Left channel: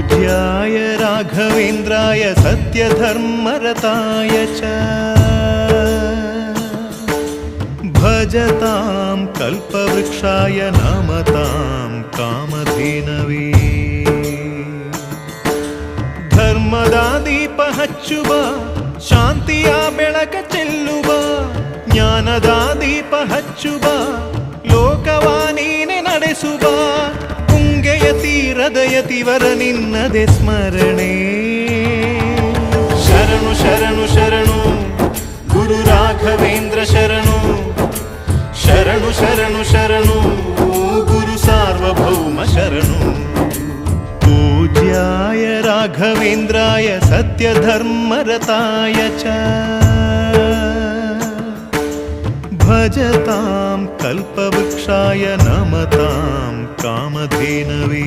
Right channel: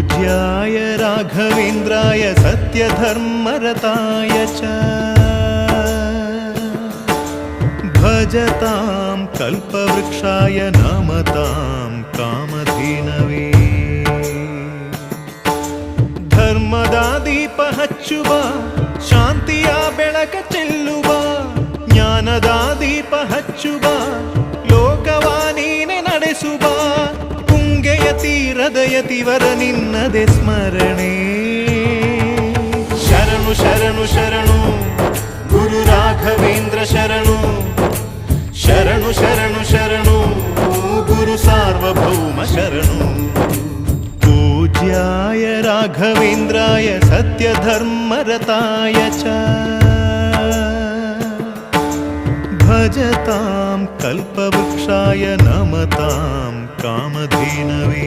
पूज्याय राघवेन्द्राय सत्यधर्मरताय च भजतां कल्पवृक्षाय नमतां कामधेनवे ಧರ್ಮದ ದೀಪ ಹಚ್ಚುವ ಶಾಂತಿಯ ಬೆಳಕ ಚೆಲ್ಲುವ ಜ್ಞಾನದ ದೀಪ ಹಚ್ಚುವ ಲೋಕವ ನೀನೆ ನಡೆಸುವ ತುಂಗೆಯ ತೀರದ ಯತಿವರ ನಿನ್ನದೆ ಸ್ಮರಣೆ ಶರಣು ಶರಣು ಶರಣು ಗುರು ರಾಘವೇಂದ್ರ ಶರಣು ಶರಣು ಶರಣು ಶರಣು ಗುರು ಸಾರ್ವಭೌಮ ಶರಣು पूज्याय राघवेन्द्राय सत्यधर्मरताय च भजतां कल्पवृक्षाय नमतां कामधेनवे